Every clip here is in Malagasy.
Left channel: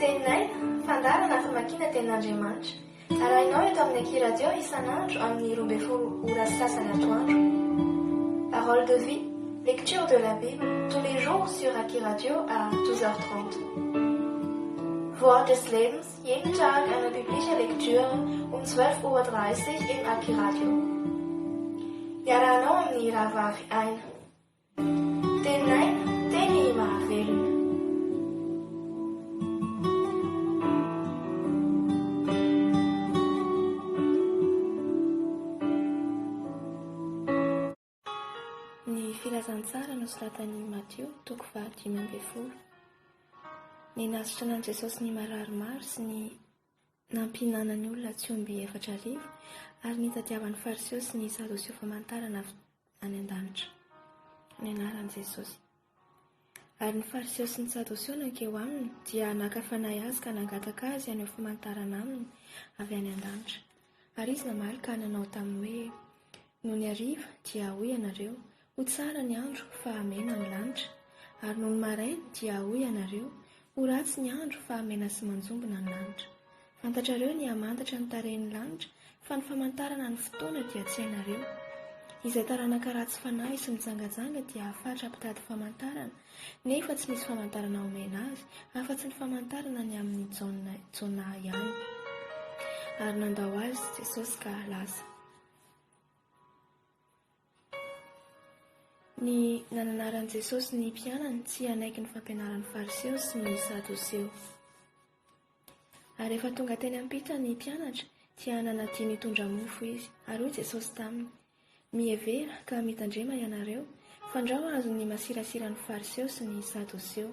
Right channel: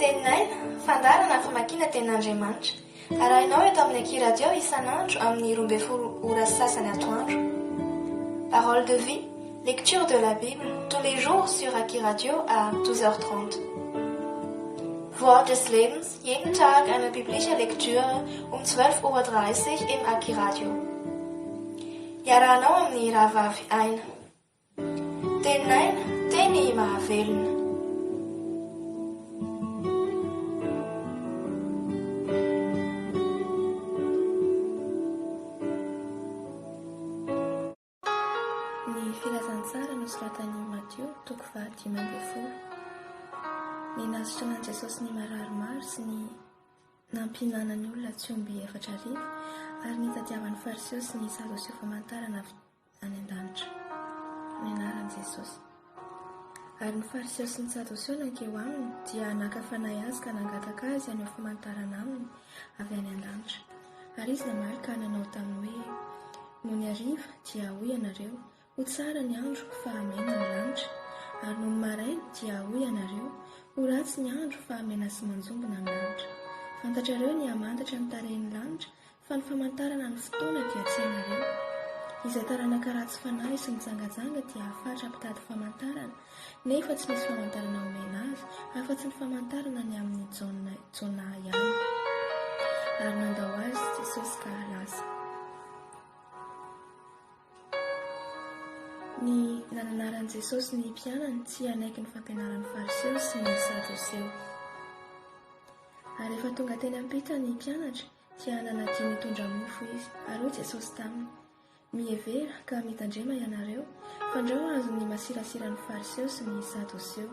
Tenaina, fandarana famakiana ten'Andriamanitra. Arahinao eto amin'ny Aki Radio isan'andro amin'ny 12 ora sasany atoandro. Parole de vie, lecture de la Bible, tous les jours sur Aki Radio à 12h30. Wort des Lebens, jeden Tag eine biblische Lektüre um 12:30 Uhr im Aki Radio. Iarahanao amin'ny rahavavy aina. Tenaina, teny mahavelona. Ny filazantsara nosoratan'i Matteo, toko 5:10. Ny nasitra an'i Jesosy ny mararimaro sy ny nampinanany olona tsy omby 4,000 ary nitadiavan'ny fariseo sy ny sadoseo famantarana any an-danitra. Ny anaran'i Jesosy. Ary ny fariseo sy ny sadoseo nankeo aminy dia nakafanahy azy ka nangataka azy any famantarana aminy avy any an-danitra. Ary izy namaly ka nanao taminy hoe, noho ny hariva dia hoy ianareo, ho tsara ny andro fa mena ny lanitra, ary noho ny maraina dia hoy ianareo, ho ratsy ny andro fa mena sy manjombona ny lanitra. Fantatrareo ny hamantatra ny tarehin'ny lanitra, fa ny famantarana ny fotoana dia tsy ianareo. Izay taranaka ratsy fanahy sy mitsangajanga dia fatra mpitady famantarana, nefa tsy misy famantarana omena azy, afa-tsy ny famantarana ny amin'ny Jona ihany. Ary nandao azy Jesosy ka lasa. Ny nananaran'i Jesosy ny mpianany tsy hanaiky ny fampianaran'ny fariseo sy ny sadoseo. Ary rehefa tonga teny ampita ny mpianatra dia nanadiny hitondra mofo izy. Ary hoy Jesosy taminy, mihevera ka mitandrema ianareo, fandrao azo ny masirasiran'ny fariseo sy ny sadoseo.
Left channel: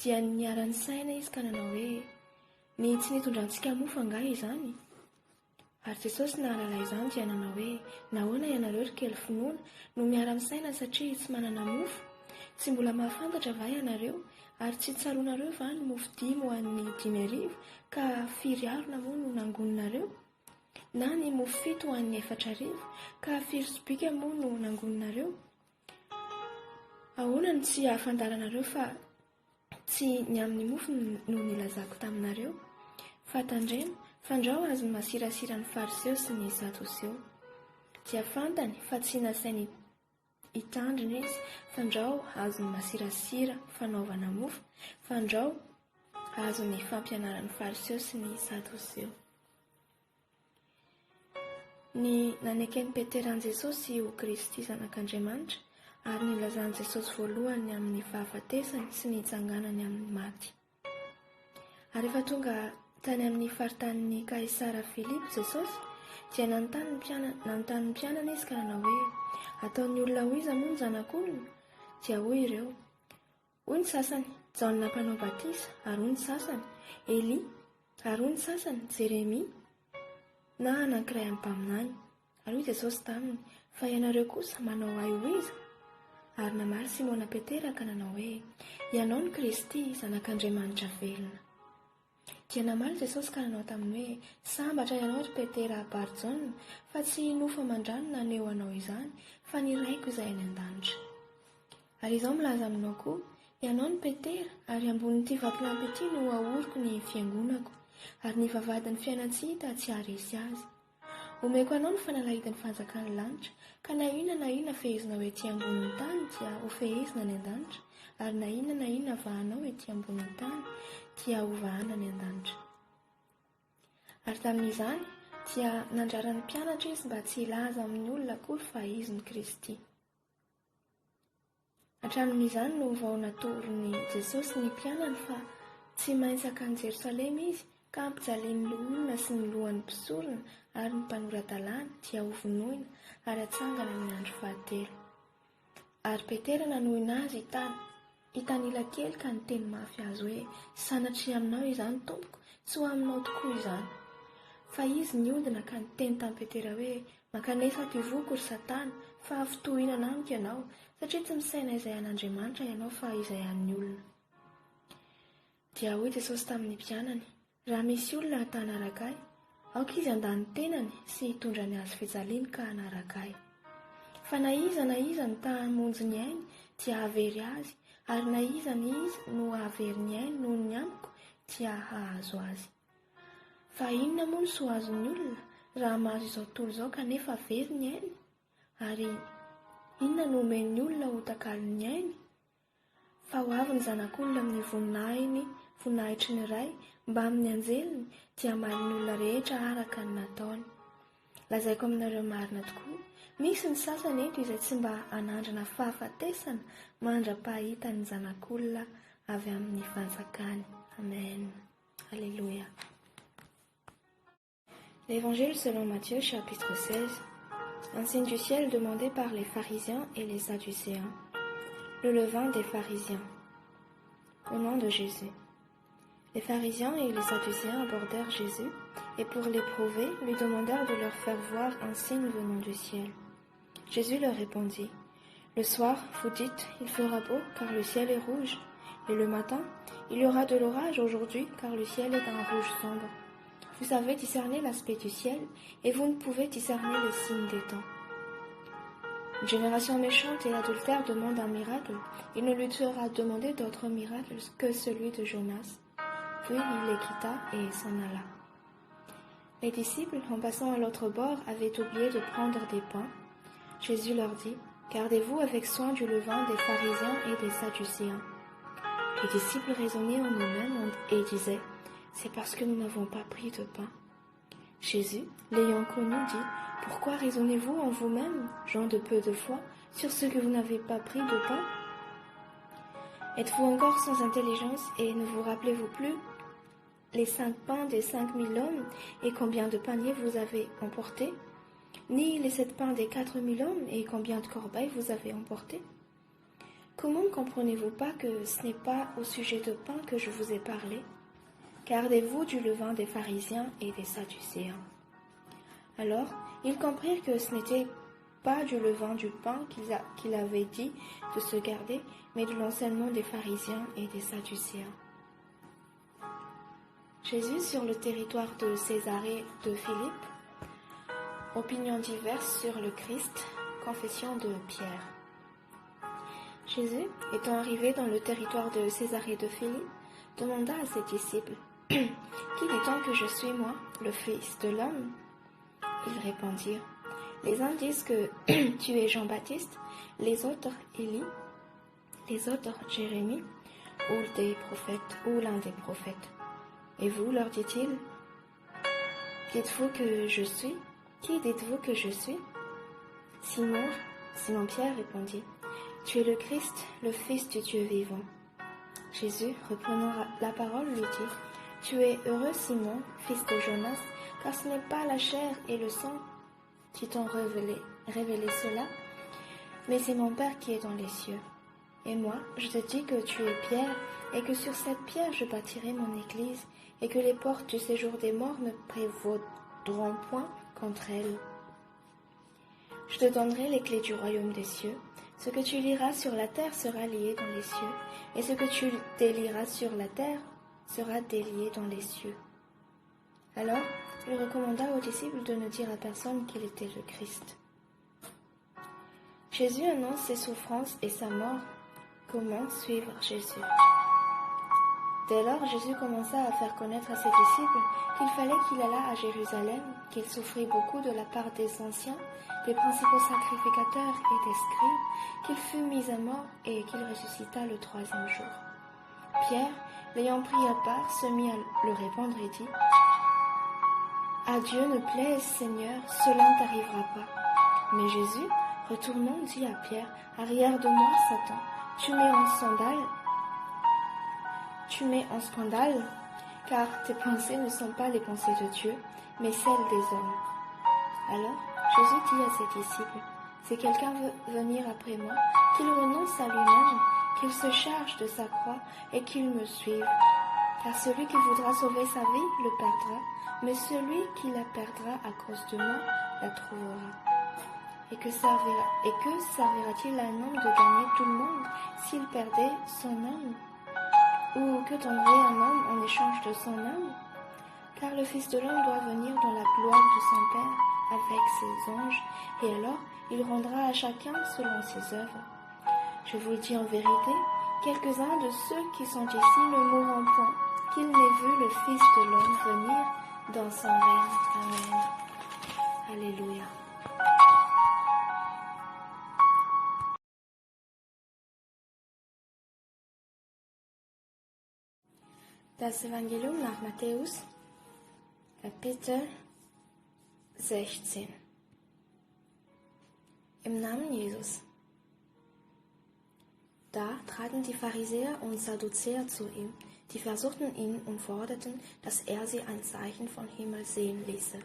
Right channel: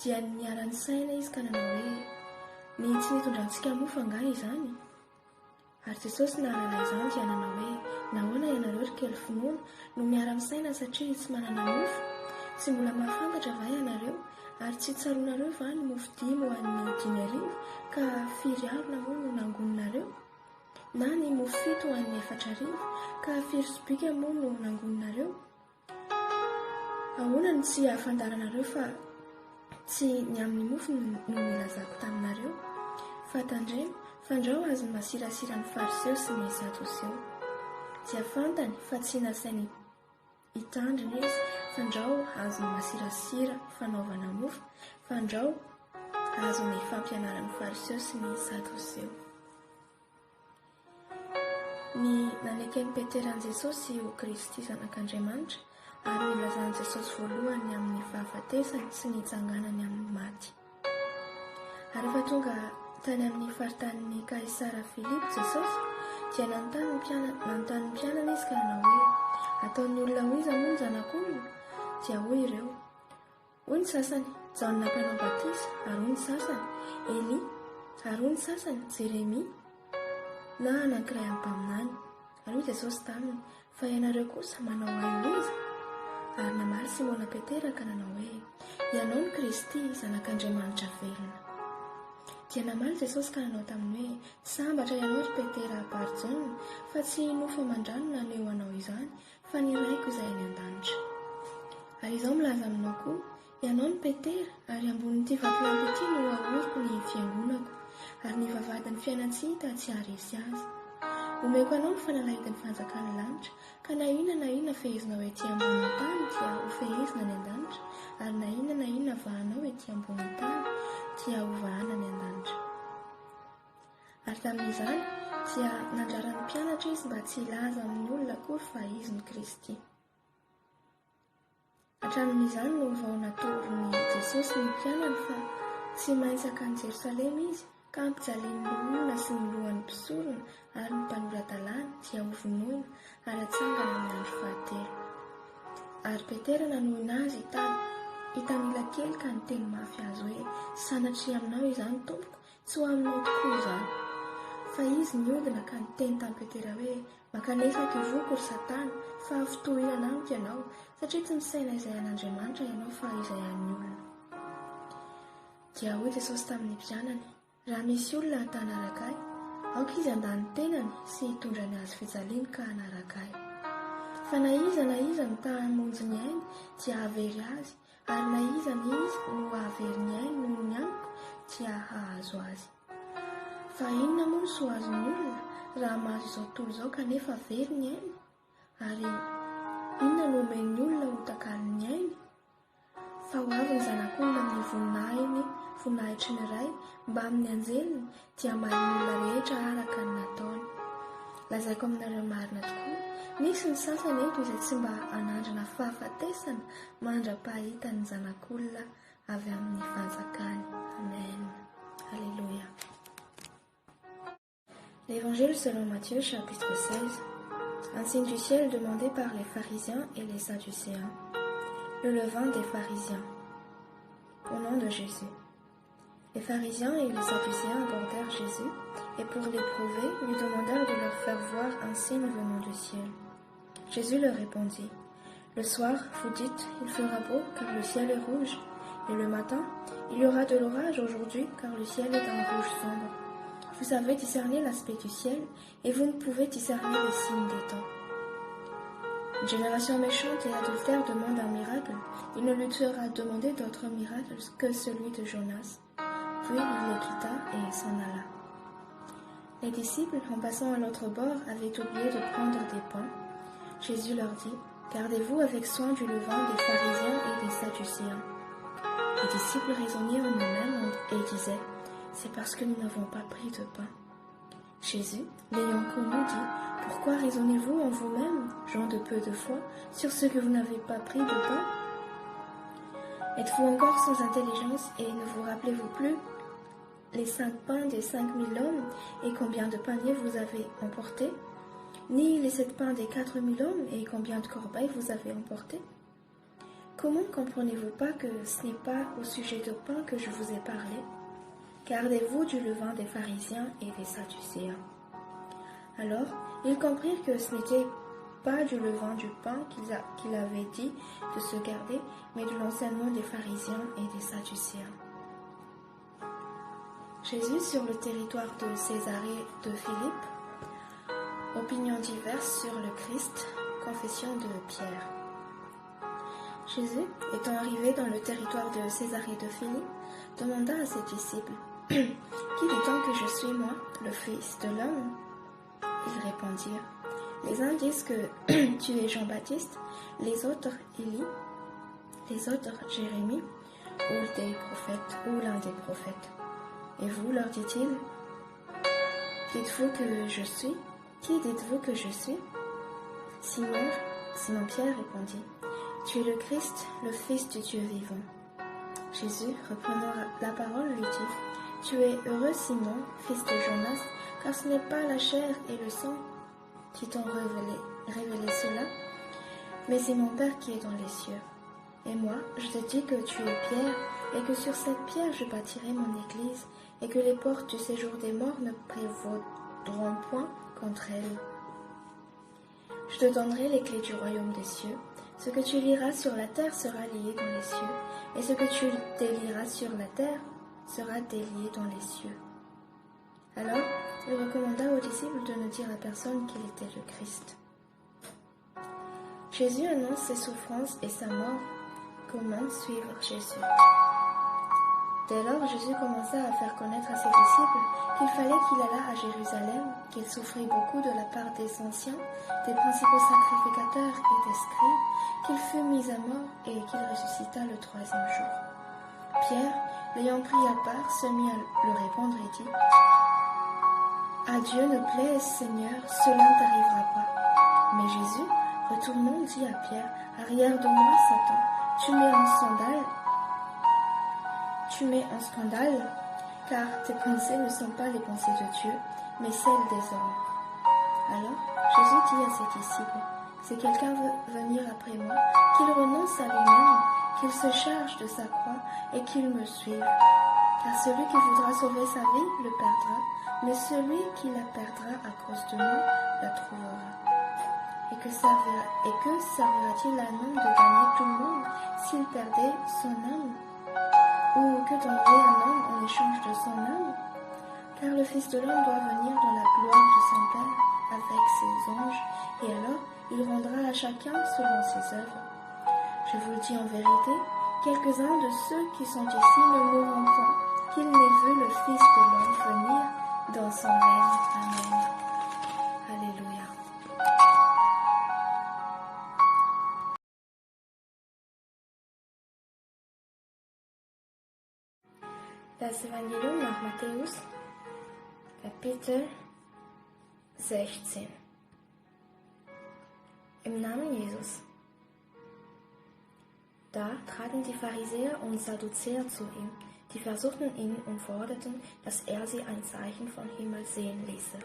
Dia niarany saina izy ka nanao hoe, ny tsy nitondra antsika mofo angaha izany? Ary Jesosy nahalala izany dia nanao hoe, nahoana ianareo ry kely finoana no miara saina satria tsy manana mofo? Tsy mbola mahafantatra va ianareo? Ary tsy tsaroanareo va ny mofo 5 ho an'ny 5,000 ka 4 moa no nangoninareo? Na ny mofo 7 ho an'ny 4,000 ka 4 moa no nangoninareo? Ahoana ny tsy ahafantaranareo fa tsy ny amin'ny mofo no nilazako taminareo? Fa tandremo, fandrao azy ny masirasiran'ny fariseo sy ny sadoseo. Dia fantany fa tsy nasainy hitandrina izy, fandrao azo ny masirasira fanaovana mofo, fandrao azo ny fampianaran'ny fariseo sy ny sadoseo. Ny nanekeny Peteran'i Jesosy ho Kristy zanak'Andriamanitra, ary nilazan'i Jesosy voalohany amin'ny fahafatesany sy ny itsanganany amin'ny maty. Ary rehefa tonga tany amin'ny faritanin'ny Kaisara Filipo Jesosy, dia nanontany ny mpianana izy ka nanao hoe, ataon'ny olona ho iza moa ny zanak'olona? Dia hoy ireo, hoy ny sasany Jaona mpanao batisa, ary hoy ny sasany Eli, ary hoy ny sasany Jeremia, na anankiray amin'ny mpaminany. Ary hoy Jesosy taminy, fa ianareo kosa manao ahy ho iza? Ary namaly Simona Petera ka nanao hoe, ianao ny Kristy, zanak'Andriamanitra velona. Dia namaly Jesosy ka nanao taminy hoe, sambatra ianao ry Petera Barjona, fa tsy nofa mandrano ny aneo anao izany, fa ny raiko izay any an-danitra. Ary izao milaza aminao koa, ianao ny Petera, ary ambonin'ity vatolampy ity no ahoriko ny fiangonako, ary ny vavadin'ny fiainantsika tsy haharesy azy. Omeko anao ny fanalahidin'ny fanjakan'ny lanitra, ka na inona fehezinao ety ambonin'ny tany dia ho fehezina ny an-danitra, ary na inona vahanao ety ambonin'ny tany dia ho vahana ny an-danitra. Ary tamin'izany dia nandrarany mpianatra izy mba tsy hilaza amin'ny olona akory fa izy ny Kristy. Hatramin'izany no vao natoron'ny Jesosy ny mpianany fa tsy maintsy hakany Jerosalema izy, ka ampijalen'ny olona sy ny lohan'ny mpisorona ary ny mpanoran-dalàna dia hovonoina ary atsangana amin'ny andro fahatelo. Ary Petera nanohina azy hitanila kely ka niteny mafy azy hoe, sanatria aminao izany tompoko, tsy ho aminao tokoa izany. Fa izy niodina ka niteny tamin'i Petera hoe, makanesako ivoko ry Satana, fa fitohinana amiko ianao, satria tsy misaina izay an'Andriamanitra ianao fa izay an'ny olona. Dia hoy Jesosy tamin'ny mpianany, raha misy olona hata hanaraka ahy, aoka izy handany tenany sy hitondra ny azy fijaliana ka hanaraka ahy. Fa na iza mitaha hamonjy ny ainy dia havery azy, ary na iza no havery ny ainy noho ny amiko tia hahazo azy. Fa inona moa so azony olona raha mahazo izao tontolo izao kanefa very ny ainy? Ary inona no omen'ny olona ho takaliny ainy? Fa ho avy ny zanak'olona amin'ny voninahitry ny iray mba amin'ny anjeliny dia maliny olona rehetra araka ny nataony. Lazaiko aminareo marina tokoa, misy ny sasany eto izay tsy mba hanandrana fahafatesana mandra-pahita ny zanak'olona avy amin'ny fanjakany. Amen. Alléluia. L'Évangile selon Matthieu, chapitre 16. Un signe du ciel demandé par les pharisiens et les sadducéens. Le levain des pharisiens. Au nom de Jésus. Les pharisiens et les sadducéens abordèrent Jésus et pour l'éprouver, lui demandèrent de leur faire voir un signe venant du ciel. Jésus leur répondit, « Le soir, vous dites, il fera beau car le ciel est rouge, et le matin, il y aura de l'orage aujourd'hui car le ciel est d'un rouge sombre. Vous savez discerner l'aspect du ciel et vous ne pouvez discerner les signes des temps. Une génération méchante et adultère demande un miracle. Il ne lui sera demandé d'autre miracle que celui de Jonas. » Puis il les quitta et s'en alla. Les disciples, en passant à l'autre bord, avaient oublié de prendre des pains. Jésus leur dit, « Gardez-vous avec soin du levain des pharisiens et des sadducéens. » Les disciples raisonnaient en eux-mêmes et disaient, « C'est parce que nous n'avons pas pris de pain. » Jésus, l'ayant connu, dit, « Pourquoi raisonnez-vous en vous-même, gens de peu de foi, sur ce que vous n'avez pas pris de pain? Êtes-vous encore sans intelligence et ne vous rappelez-vous plus les 5 pains des 5000 hommes et combien de paniers vous avez emportés? Ni les 7 pains des 4000 hommes et combien de corbeilles vous avez emportés? Comment ne comprenez-vous pas que ce n'est pas au sujet de pain que je vous ai parlé? Gardez-vous du levain des pharisiens et des sadducéens. » Alors, ils comprirent que ce n'était pas du levain du pain qu'il avait dit de se garder, mais de l'enseignement des pharisiens et des sadducéens. Jésus sur le territoire de Césarée de Philippe. Opinions diverses sur le Christ. Confession de Pierre. Jésus, étant arrivé dans le territoire de Césarée de Philippe, demanda à ses disciples, « Qui dit-on que je suis, moi, le Fils de l'homme » Ils répondirent, « Les uns disent que tu es Jean-Baptiste, les autres Élie, les autres Jérémie, ou des prophètes, ou l'un des prophètes. Et vous, leur dit-il, dites-vous que je suis? Qui dites-vous que je suis? Simon Pierre répondit, tu es le Christ, le Fils du Dieu vivant. Jésus, reprenant la parole, lui dit, tu es heureux, Simon, fils de Jonas, car ce n'est pas la chair et le sang qui t'ont révélé cela, mais c'est mon Père qui est dans les cieux. Et moi, je te dis que tu es Pierre, et que sur cette pierre je bâtirai mon église, et que les portes du séjour des morts ne prévaudront point contre elle. Je te donnerai les clés du royaume des cieux. Ce que tu liras sur la terre sera lié dans les cieux, et ce que tu délieras sur la terre sera délié dans les cieux. Alors, il recommanda aux disciples de ne dire à personne qu'il était le Christ. Jésus annonce ses souffrances et sa mort. Comment suivre Jésus? Dès lors, Jésus commença à faire connaître à ses disciples qu'il fallait qu'il allât à Jérusalem, qu'il souffrit beaucoup de la part des anciens, des principaux sacrificateurs et des scribes, qu'il fut mis à mort et qu'il ressuscita le 3e jour. Pierre, l'ayant pris à part, se mit à le répondre et dit, « À Dieu ne plaise, Seigneur, cela ne t'arrivera pas. » Mais Jésus, retournant, dit à Pierre, « Arrière de moi, Satan, tu mets en scandale, car tes pensées ne sont pas les pensées de Dieu, mais celles des hommes. » Alors Jésus dit à ses disciples, « Si quelqu'un veut venir après moi, qu'il renonce à lui-même, qu'il se charge de sa croix et qu'il me suive. Car celui qui voudra sauver sa vie le perdra, mais celui qui la perdra à cause de moi la trouvera. Et que servira-t-il à un homme de gagner tout le monde s'il perdait son âme? Ou que donnerait un homme en échange de son âme? Car le Fils de l'homme doit venir dans la gloire de son Père avec ses anges, et alors il rendra à chacun selon ses œuvres. Je vous le dis en vérité, quelques-uns de ceux qui sont ici ne mourront point, qu'ils n'aient vu dans son règne. Amen. Alléluia. Das Evangelium nach Matthäus, Kapitel 16. Im Namen Jesus. Da traten die Pharisäer und Sadduzäer zu ihm, die versuchten ihn und forderten, dass er sie ein Zeichen vom Himmel sehen ließe.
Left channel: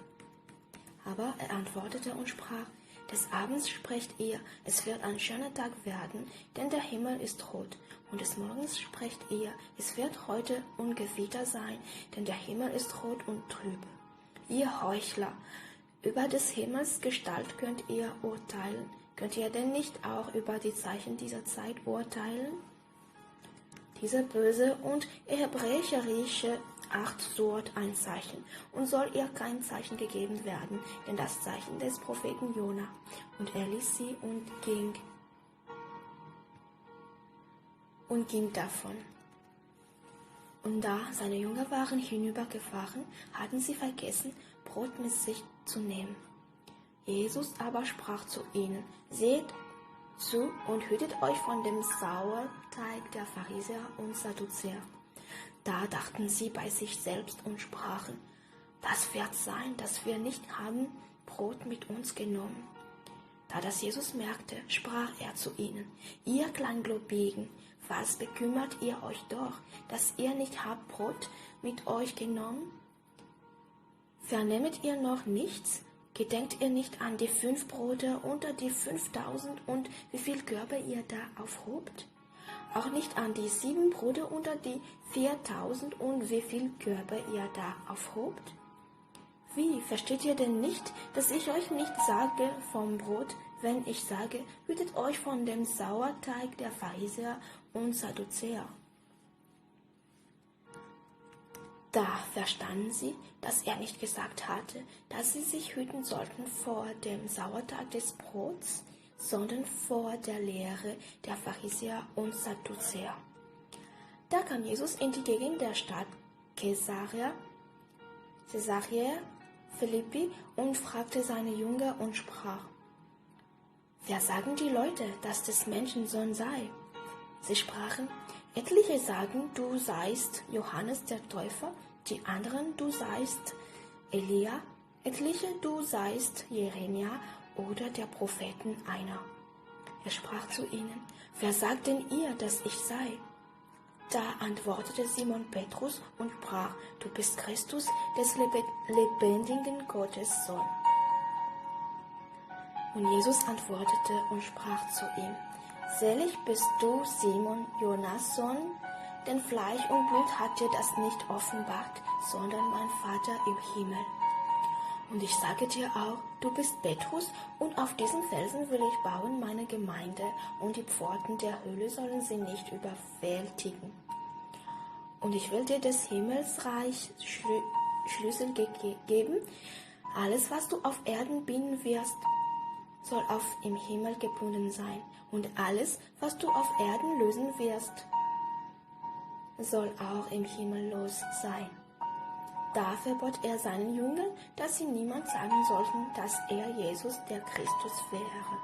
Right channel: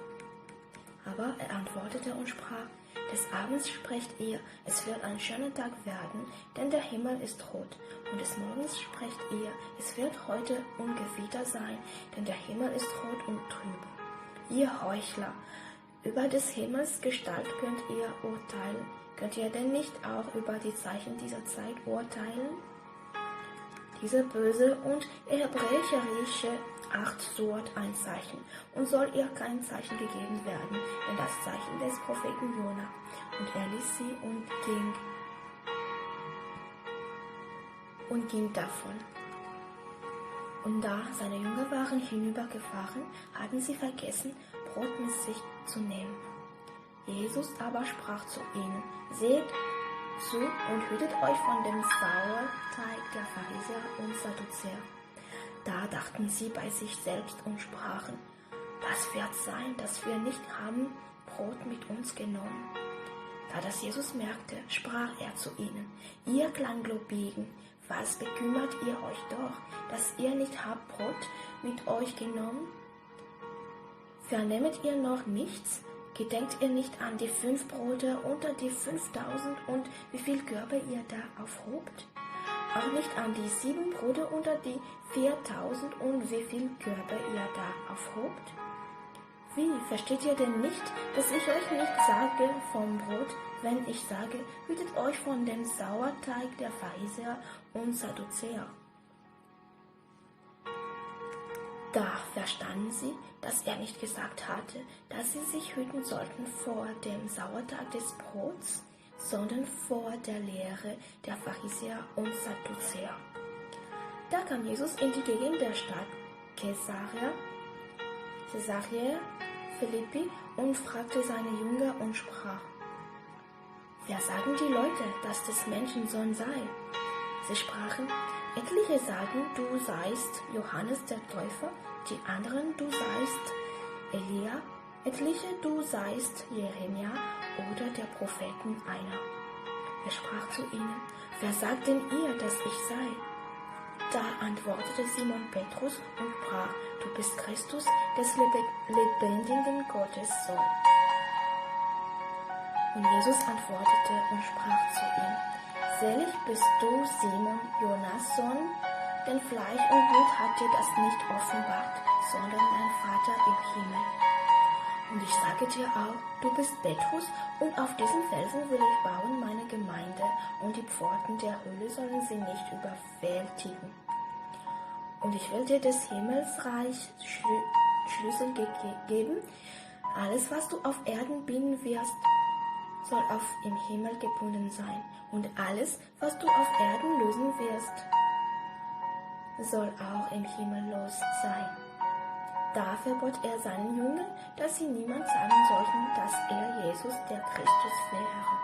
Aber er antwortete und sprach: Des Abends sprecht ihr, es wird ein schöner Tag werden, denn der Himmel ist rot. Und des Morgens sprecht ihr, es wird heute Ungewitter sein, denn der Himmel ist rot und trüb. Ihr Heuchler, über des Himmels Gestalt könnt ihr urteilen. Könnt ihr denn nicht auch über die Zeichen dieser Zeit urteilen? Diese böse und hebräerische Art sucht ein Zeichen, und soll ihr kein Zeichen gegeben werden, denn das Zeichen des Propheten Jona. Und er ließ sie und ging davon. Und da seine Jünger waren hinübergefahren, hatten sie vergessen, Brot mit sich zu nehmen. Jesus aber sprach zu ihnen: Seht zu und hütet euch von dem Sauerteig der Pharisäer und Sadduzäer. Da dachten sie bei sich selbst und sprachen: Was wird sein, dass wir nicht haben Brot mit uns genommen? Da das Jesus merkte, sprach er zu ihnen: Ihr Kleingläubigen, was bekümmert ihr euch doch, dass ihr nicht habt Brot mit euch genommen? Vernehmet ihr noch nichts? Gedenkt ihr nicht an die 5 Brote unter die 5000 und wie viel Körbe ihr da aufhobt? Auch nicht an die 7 Brote unter die 4000 und wie viel Körbe ihr da aufhobt? Wie, versteht ihr denn nicht, dass ich euch nicht sage vom Brot, wenn ich sage, hütet euch von dem Sauerteig der Pharisäer und Sadduzäer? Da verstanden sie, dass er nicht gesagt hatte, dass sie sich hüten sollten vor dem Sauerteig des Brots, sondern vor der Lehre der Pharisäer und Sadduzäer. Da kam Jesus in die Gegend der Stadt Caesarea Philippi und fragte seine Jünger und sprach: Wer sagen die Leute, dass des Menschensohn sei? Sie sprachen: Etliche sagen, du seist Johannes der Täufer, die anderen, du seist Elia, etliche, du seist Jeremia oder der Propheten einer. Er sprach zu ihnen: Wer sagt denn ihr, dass ich sei? Da antwortete Simon Petrus und sprach: Du bist Christus, des lebendigen Gottes Sohn. Und Jesus antwortete und sprach zu ihm: Selig bist du, Simon, Jonas Sohn, denn Fleisch und Blut hat dir das nicht offenbart, sondern dein Vater im Himmel. Und ich sage dir auch, du bist Petrus, und auf diesen Felsen will ich bauen meine Gemeinde, und die Pforten der Hölle sollen sie nicht überwältigen. Und ich will dir des Himmelsreichs Schlüssel geben. Alles, was du auf Erden binden wirst, soll im Himmel gebunden sein. Und alles, was du auf Erden lösen wirst, soll auch im Himmel los sein. Da verbot er seinen Jüngern, dass sie niemand sagen sollten, dass er Jesus der Christus wäre.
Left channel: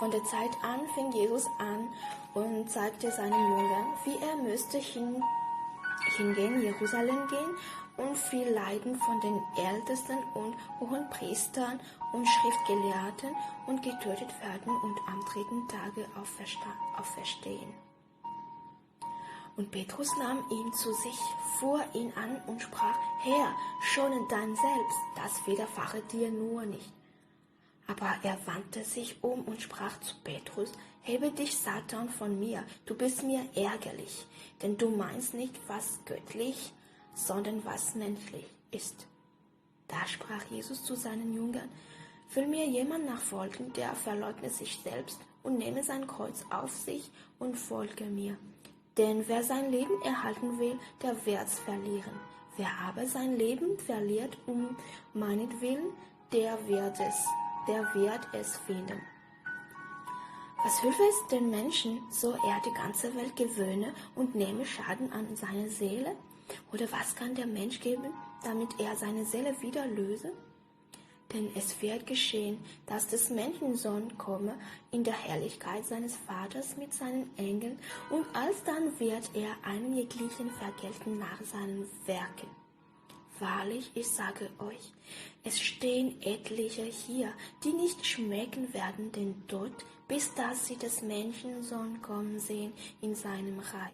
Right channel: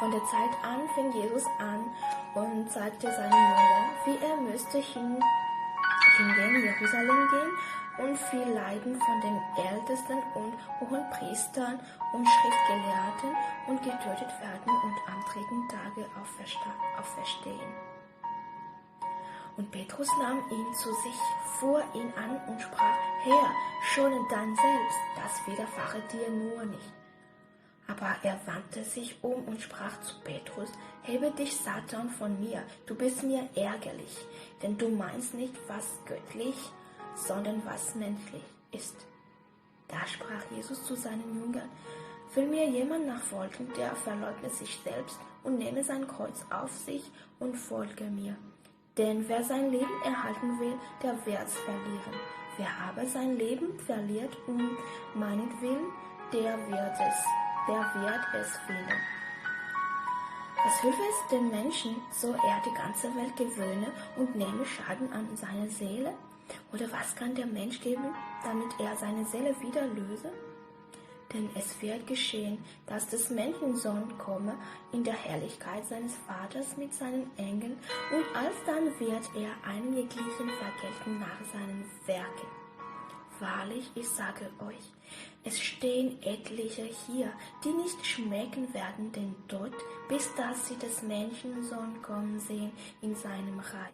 Von der Zeit an fing Jesus an und zeigte seinen Jüngern, wie er müsste hingehen, Jerusalem gehen und viel leiden von den Ältesten und Hohenpriestern und Schriftgelehrten und getötet werden und am 3. Tage auferstehen. Und Petrus nahm ihn zu sich, fuhr ihn an und sprach: Herr, schone dein Selbst, das widerfahre dir nur nicht. Aber er wandte sich um und sprach zu Petrus: Hebe dich, Satan, von mir, du bist mir ärgerlich, denn du meinst nicht, was göttlich, sondern was menschlich ist. Da sprach Jesus zu seinen Jüngern: Will mir jemand nachfolgen, der verleugne sich selbst und nehme sein Kreuz auf sich und folge mir. Denn wer sein Leben erhalten will, der wird's verlieren. Wer aber sein Leben verliert meinetwillen, der wird es finden. Was hilft es dem Menschen, so er die ganze Welt gewöhne und nehme Schaden an seiner Seele? Oder was kann der Mensch geben, damit er seine Seele wieder löse? Denn es wird geschehen, dass des Menschensohn komme in der Herrlichkeit seines Vaters mit seinen Engeln, und alsdann wird er einen jeglichen vergelten nach seinen Werken. Wahrlich, ich sage euch, es stehen etliche hier, die nicht schmecken werden den Tod, bis dass sie des Menschensohn kommen sehen in seinem Reich.